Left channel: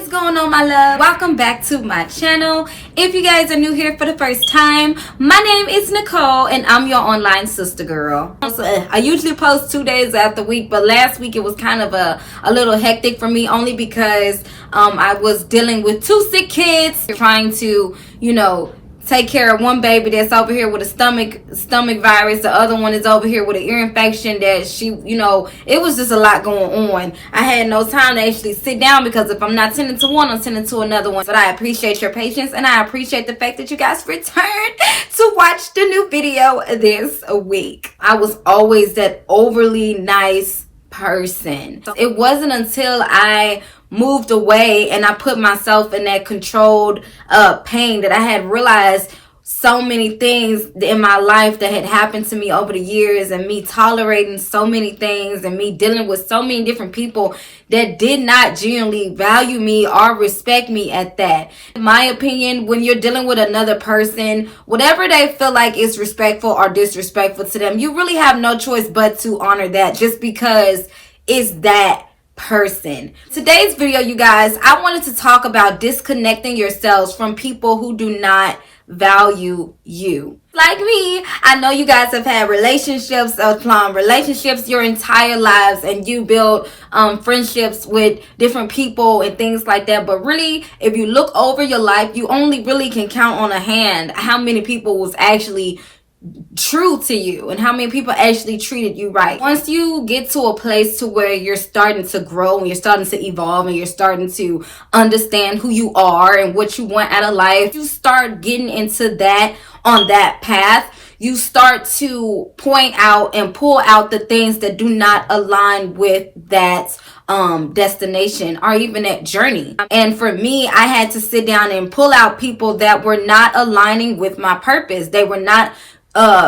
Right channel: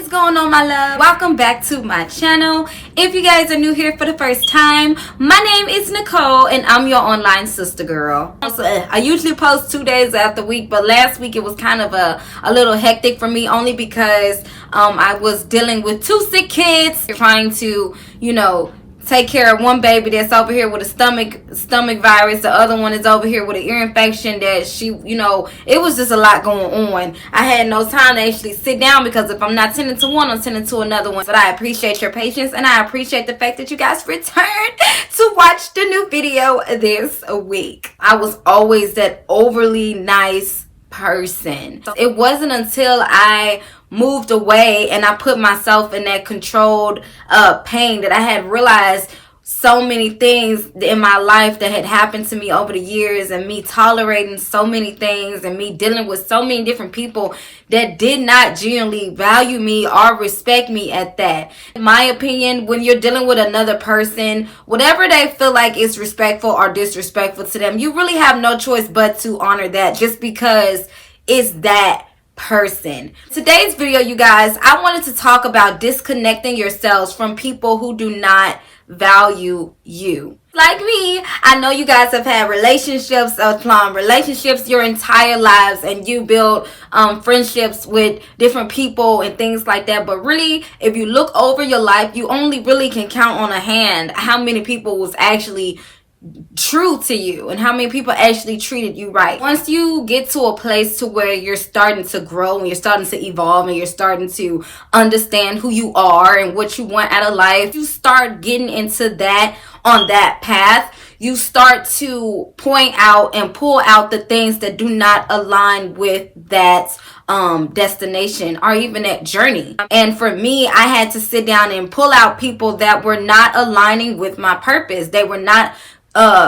What is going on, my love? Welcome back to my channel. If you guys are new here for the first time, my name is Nicole and I'm your online sister girl. I usually post 2 days out the week, but last week it was kind of a little hectic for me, only because I was dealing with 2 sick kids, trying to, take care of one baby that's over here with a stomach virus. The other one is over here with an ear infection that it was just a lot going on. I had no time to actually sit down because if I'm not tending to one, I'm tending to another one. But I appreciate your patience and I appreciate the fact that you guys returned to watch the new video this week. I was always that overly nice person. It wasn't until I moved away and I put myself in that controlled pain that I had realized so many things in my life that had happened to me over the years, and me tolerating so many things and me dealing with so many different people that did not genuinely value me or respect me at that. In my opinion, when you're dealing with another person, whatever they feel like is respectful or disrespectful to them, you really have no choice but to honor that, just because it's that person. Today's video, you guys, I wanted to talk about disconnecting yourselves from people who do not value you. Like me, I know you guys have had relationships your entire lives, and you build friendships with different people and things like that. But really, if you look over your life, you only really can count on a hand how many people was actually true to you and how many people actually treated you right. Once you get to a place to where you're starting to grow and you're starting to evolve and you're starting to understand who you are and what you want out of life, you start getting into that on that path. You start to point out and pull out the things that do not align with that destination or even that journey. And for me, I had to sit down and pull out people that were not aligning with my purpose. They were not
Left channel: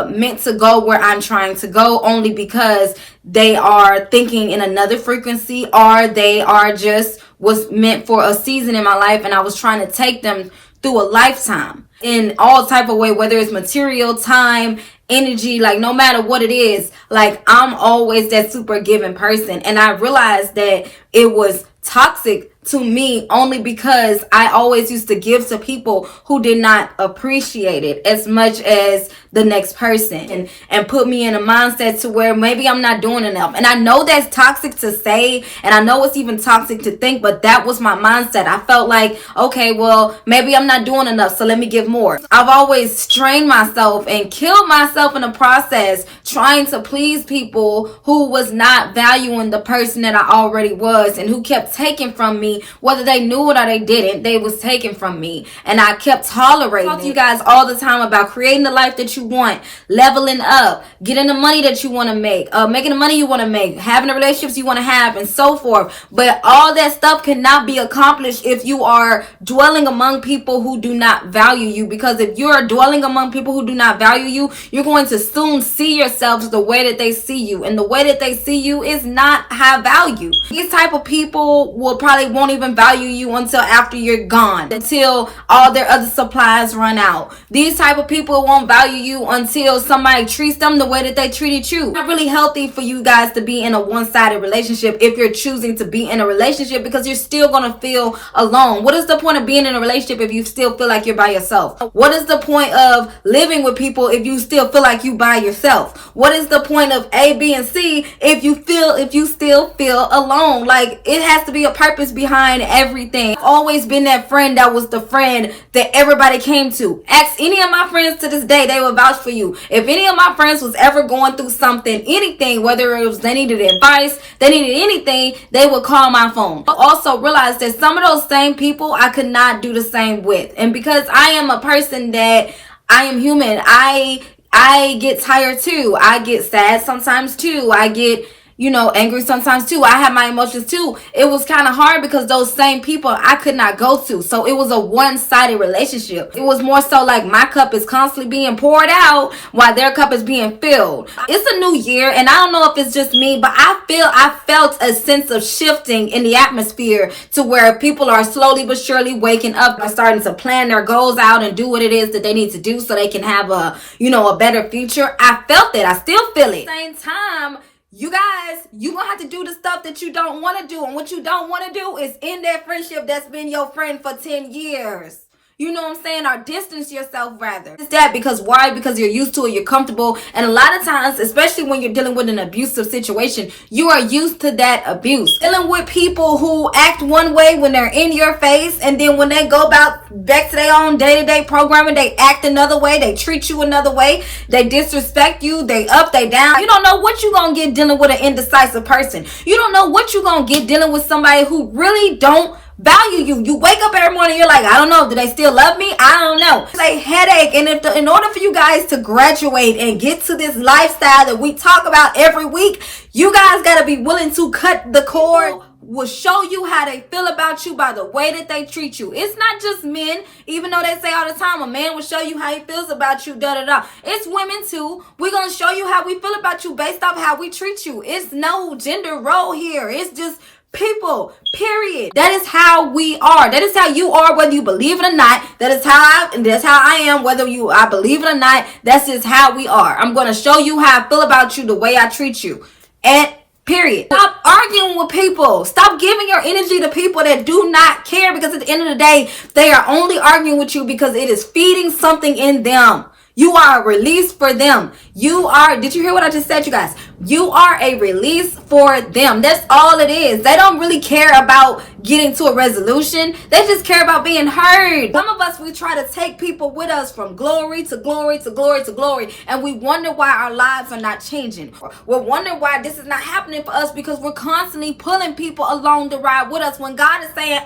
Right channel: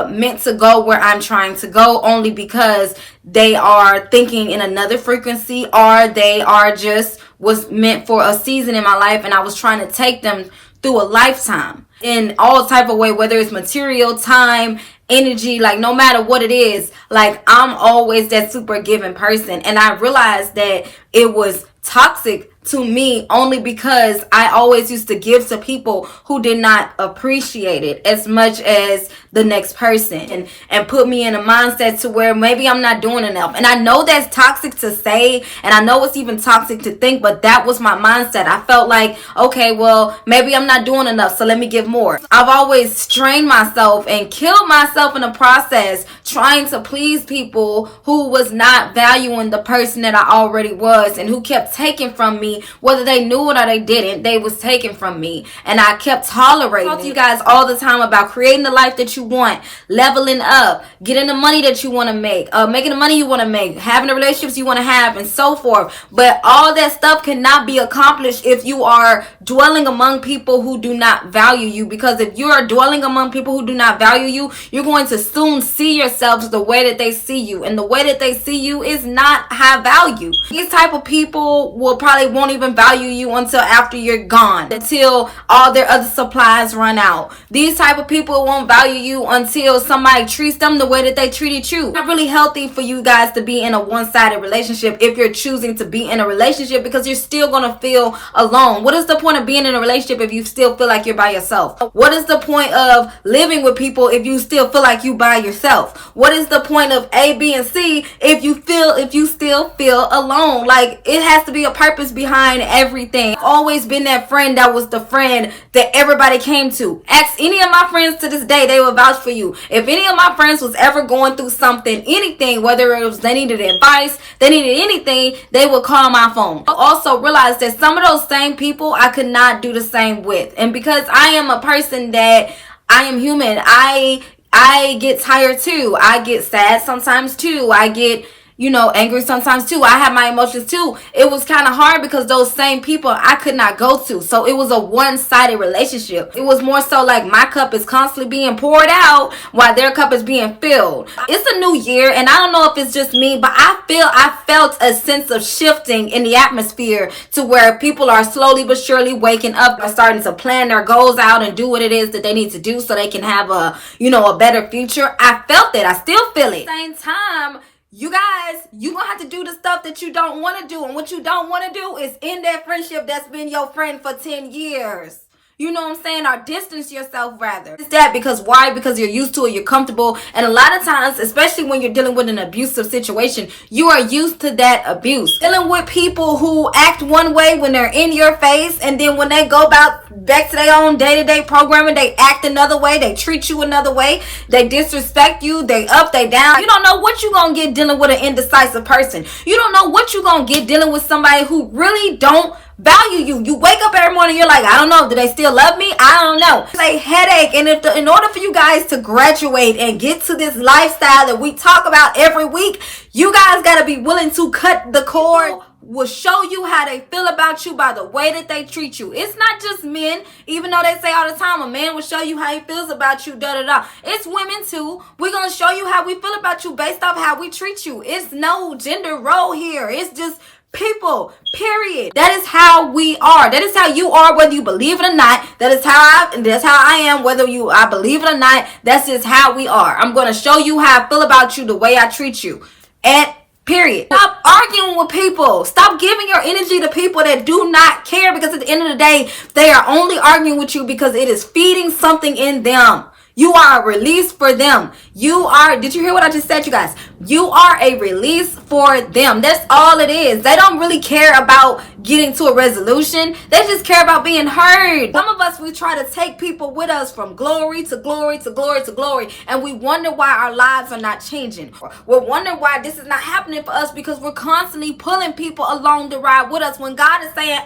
meant to go where I'm trying to go, only because they are thinking in another frequency, or they are just was meant for a season in my life, and I was trying to take them through a lifetime in all type of way, whether it's material, time, energy, like no matter what it is. Like, I'm always that super giving person, and I realized that it was toxic to me only because I always used to give to people who did not appreciate it as much as the next person, and put me in a mindset to where maybe I'm not doing enough. And I know that's toxic to say, and I know it's even toxic to think, but that was my mindset. I felt like, okay, well, maybe I'm not doing enough, so let me give more. I've always strained myself and killed myself in the process trying to please people who was not valuing the person that I already was, and who kept taking from me, whether they knew it or they didn't. They was taking from me, and I kept tolerating. I talk to you guys all the time about creating the life that you want, leveling up, getting the money that you want to make, making the money you want to make, having the relationships you want to have, and so forth. But all that stuff cannot be accomplished if you are dwelling among people who do not value you. Because if you are dwelling among people who do not value you, you're going to soon see yourselves the way that they see you, and the way that they see you is not high value. These type of people won't even value you until after you're gone, until all their other supplies run out. These type of people won't value you until somebody treats them the way that they treated you. It's not really healthy for you guys to be in a one-sided relationship if you're choosing to be in a relationship, because you're still going to feel alone. What is the point of being in a relationship if you still feel like you're by yourself? What is the point of living with people if you still feel like you by yourself? What is the point of A, B, and C if you still feel alone? Like, it has to be a purpose behind everything. I've always been that friend that was the friend that everybody came to. Ask any of my friends to this day, they will vouch for you. If any of my friends was ever going through something, anything, whether it was they needed advice, they needed anything, they would call my phone. I also realized that some of those same people I could not do the same with. And because I am a person that I am human, I get tired too. I get sad sometimes too. I get angry sometimes too. I have my emotions too. It was kind of hard because those same people I could not go to. So it was a one-sided relationship. It was more so like my cup is constantly being poured out while their cup is being filled. It's a new year, and I don't know if it's just me, but I felt a sense of shifting in the atmosphere to where people are slowly but surely waking up and starting to plan their goals out and do what it is that they need to do so they can have a better future. I felt that. I still feel it. At the same time, you guys, you gonna have to do the stuff that you don't want to do. And what you don't want to do is end that friendship that's been your friend for 10 years. You know what I'm saying? Or distance yourself rather. It's that because why? Because you're used to it, you're comfortable. And a lot of times, especially when you're dealing with an abusive situation, you are used to that abuse. Dealing with people who act one way when they're in your face, and then when they go back to their own day-to-day programming, they act another way, they treat you another way, they disrespect you, they up, they down. You don't know what you're gonna get dealing with an indecisive person. You don't know what you're gonna get dealing with somebody who really don't value you. You wake up every morning, you're like, I don't know, do they still love me? I don't know. It's a headache. And in order for you guys to graduate and get to this lifestyle that we talk about every week, you guys got to be willing to cut the cord. Will show you how they feel about you by the way that they treat you. It's not just men, even though they say all the time a man will show you how he feels about you, da-da-da. It's women too. We're going to show you how we feel about you based off how we treat you. It's no gender role here. It's just people, period. That is how we are. That is how you are, whether you believe it or not. That's how I am, whether I believe it or not. That's just how we are. I'm going to show you how I feel about you, the way I treat you. And period. Stop arguing with people. Stop giving your energy to people that do not care, because at the end of the day, they are only arguing with you because it is feeding something in them. You are a release for them. Did you hear what I just said, you guys? You are a release for them. That's all it is. They don't really care about getting to a resolution. They just care about being heard. Some of us, we try to take people with us from glory to glory to glory to glory, and we wonder why our lives are not changing. We're wondering why this is not happening for us, because we're constantly pulling people along the ride with us when God is saying,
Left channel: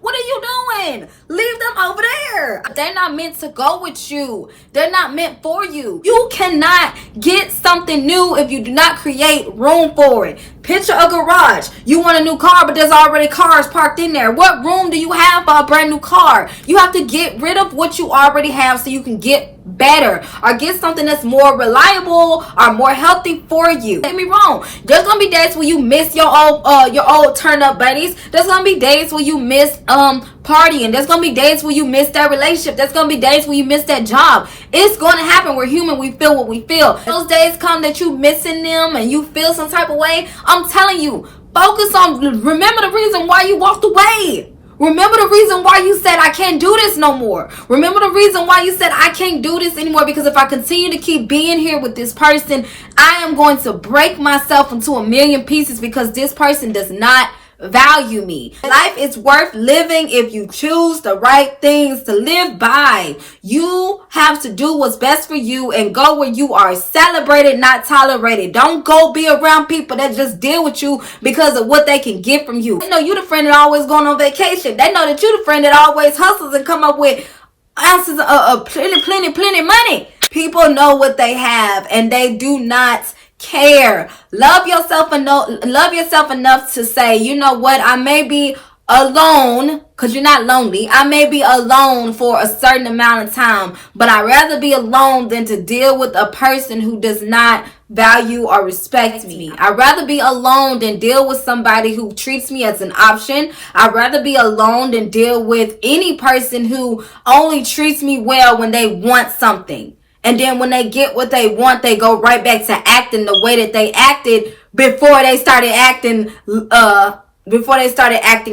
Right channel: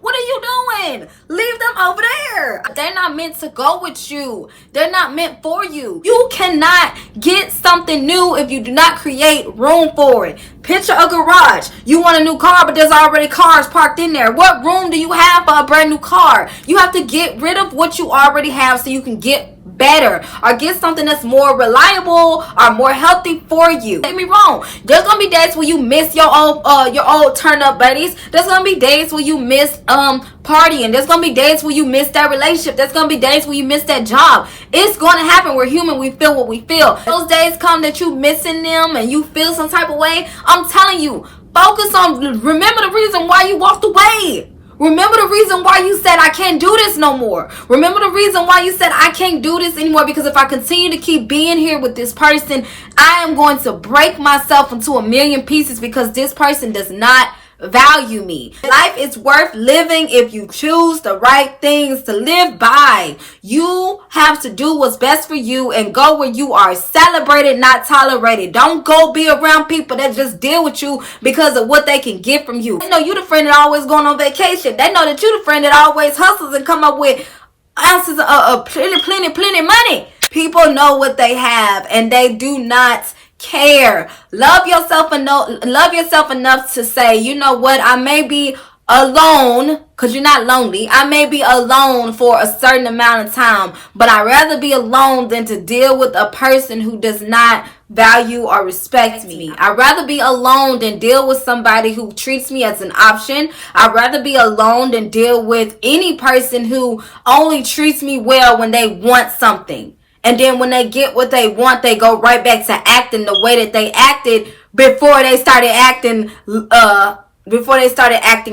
what are you doing? Leave them over there. They're not meant to go with you. They're not meant for you. You cannot get something new if you do not create room for it. Picture a garage. You want a new car, but there's already cars parked in there. What room do you have for a brand new car? You have to get rid of what you already have so you can get better, or get something that's more reliable or more healthy for you. Don't get me wrong. There's gonna be days where you miss your old turn up buddies. There's gonna be days where you miss partying. There's gonna be days where you miss that relationship. There's gonna be days where you miss that job. It's gonna happen. We're human. We feel what we feel. Those days come that you missing them and you feel some type of way. I'm telling you, remember the reason why you walked away. Remember the reason why you said, I can't do this no more. Remember the reason why you said, I can't do this anymore, because if I continue to keep being here with this person, I am going to break myself into a million pieces, because this person does not value me. Life is worth living if you choose the right things to live by. You have to do what's best for you and go where you are celebrated, not tolerated. Don't go be around people that just deal with you because of what they can get from you. They know you the friend that always going on vacation. They know that you the friend that always hustles and come up with ounces of plenty money. People know what they have, and they do not care. Love yourself enough to say, you know what, I may be alone, because you're not lonely. I may be alone for a certain amount of time, but I'd rather be alone than to deal with a person who does not value or respect me. I'd rather be alone than deal with somebody who treats me as an option. I'd rather be alone than deal with any person who only treats me well when they want something. And then when they get what they want, they go right back to acting the way that they acted before they started acting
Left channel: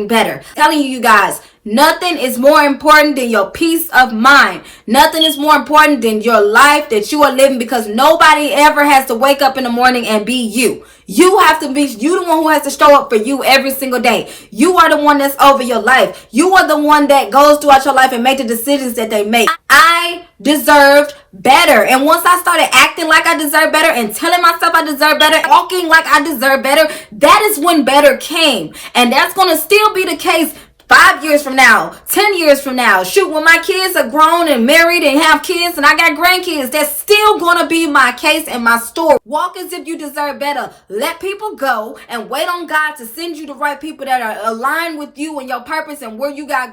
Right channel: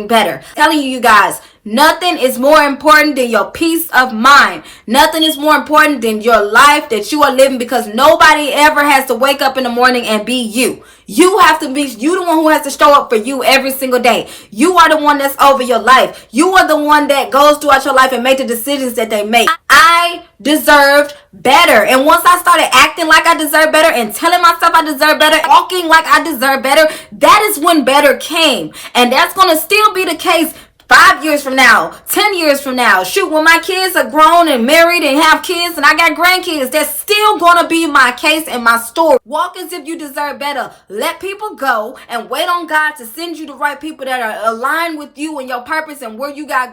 better. I'm telling you guys, nothing is more important than your peace of mind. Nothing is more important than your life that you are living, because nobody ever has to wake up in the morning and be you. You have to be, you the one who has to show up for you every single day. You are the one that's over your life. You are the one that goes throughout your life and make the decisions that they make. I deserved better. And once I started acting like I deserve better and telling myself I deserve better, walking like I deserve better, that is when better came. And that's going to still be the case 5 years from now, 10 years from now. Shoot, when my kids are grown and married and have kids and I got grandkids, that's still going to be my case and my story. Walk as if you deserve better. Let people go and wait on God to send you the right people that are aligned with you and your purpose and where you are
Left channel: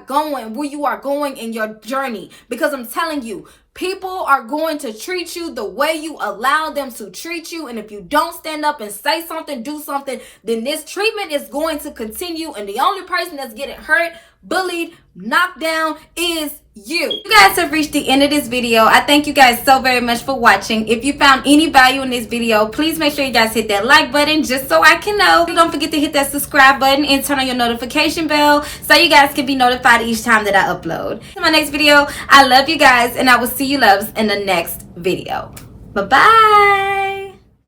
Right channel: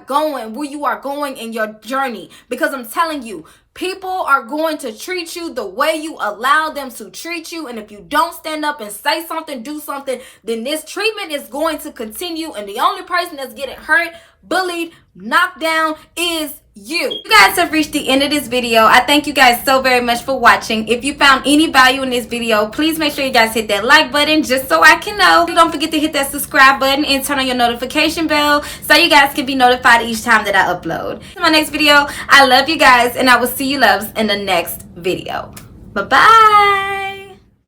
going in your journey. Because I'm telling you, people are going to treat you the way you allow them to treat you. And if you don't stand up and say something, do something, then this treatment is going to continue. And the only person that's getting hurt, bullied, knocked down is You guys have reached the end of this video. I thank you guys so very much for watching. If you found any value in this video, please make sure you guys hit that like button just so I can know. Don't forget to hit that subscribe button and turn on your notification bell so you guys can be notified each time that I upload. In my next video, I love you guys and I will see you loves in the next video. Bye bye.